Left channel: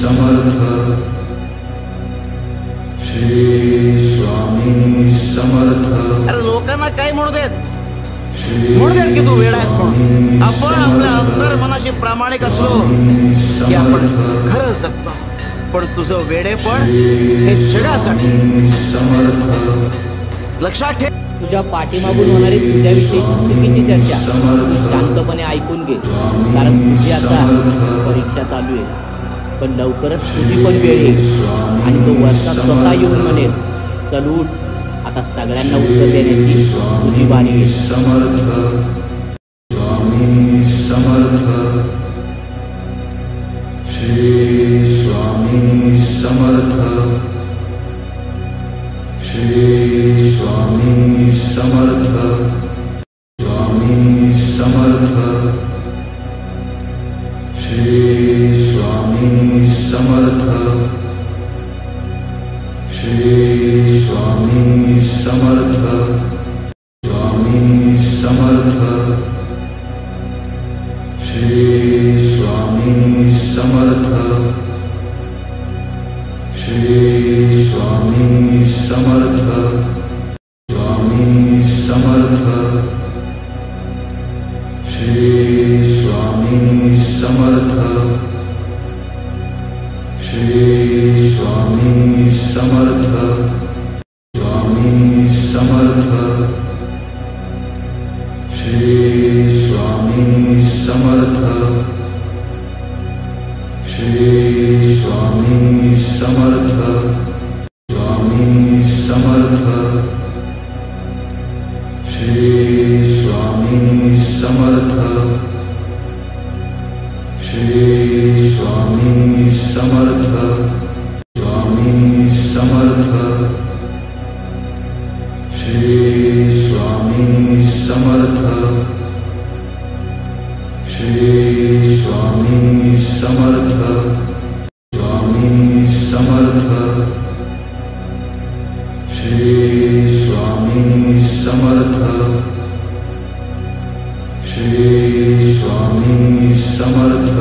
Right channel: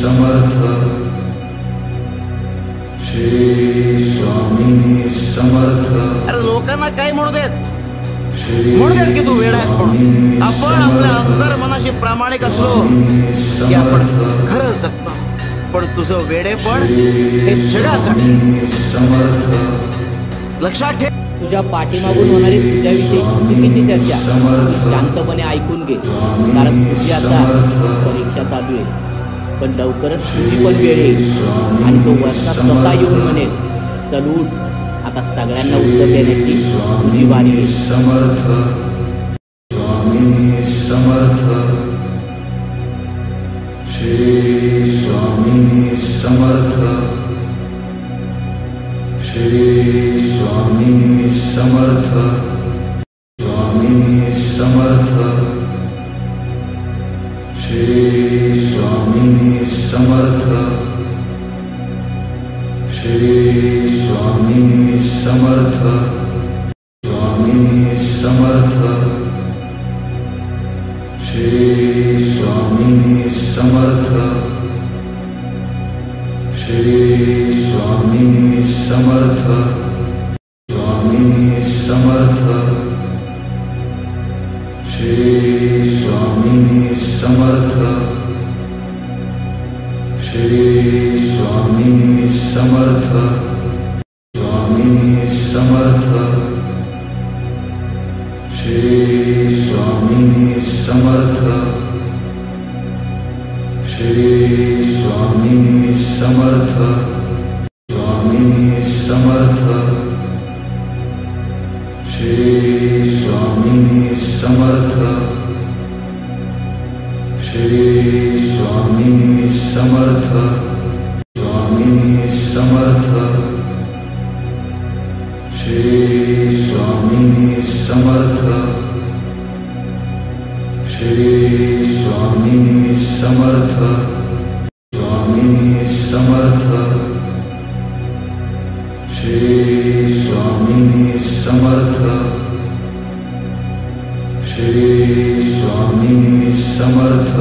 समर्थ, श्री स्वामी समर्थ। अरे लोकांना काय म्हणू देत, म्हणू देत की तू वेडा आहेस म्हणून. आपण आपल्या अंतर्मनाशी प्रामाणिक असलो की आपण खरं जगतो. पण तुझं वेडेपण हे जगासाठी समर्थ, लक्षात ठेव. तुझ्या पाठीमागून होणारी तुझ्याविषयीची चुकीची चर्चा तू शांतपणे ऐकून घे, कारण तुझी आता परीक्षा चालू आहे. पण लवकरच तुझी पण वेळ येईल आणि तो वरचा स्वतः येऊन म्हणेल, चल उठ, आता सगळ्यांना उत्तर देण्याची तुझी बारी आहे. समर्थ, स्वामी समर्थ, श्री स्वामी समर्थ, श्री स्वामी समर्थ, स्वामी समर्थ, श्री स्वामी समर्थ, श्री स्वामी समर्थ, स्वामी समर्थ, श्री स्वामी समर्थ, श्री स्वामी समर्थ, स्वामी समर्थ, श्री स्वामी समर्थ, श्री स्वामी समर्थ, स्वामी समर्थ, श्री स्वामी समर्थ, श्री स्वामी समर्थ, स्वामी समर्थ, श्री स्वामी समर्थ, श्री स्वामी समर्थ, स्वामी समर्थ, श्री स्वामी समर्थ, श्री स्वामी समर्थ, स्वामी समर्थ, श्री स्वामी समर्थ, श्री स्वामी समर्थ,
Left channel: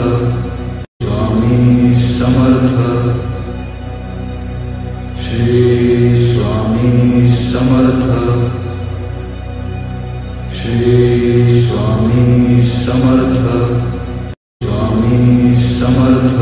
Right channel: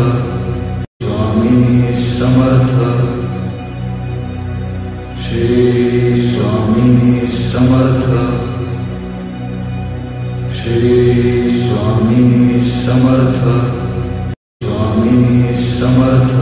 स्वामी समर्थ, श्री स्वामी समर्थ, श्री स्वामी समर्थ, स्वामी समर्थ,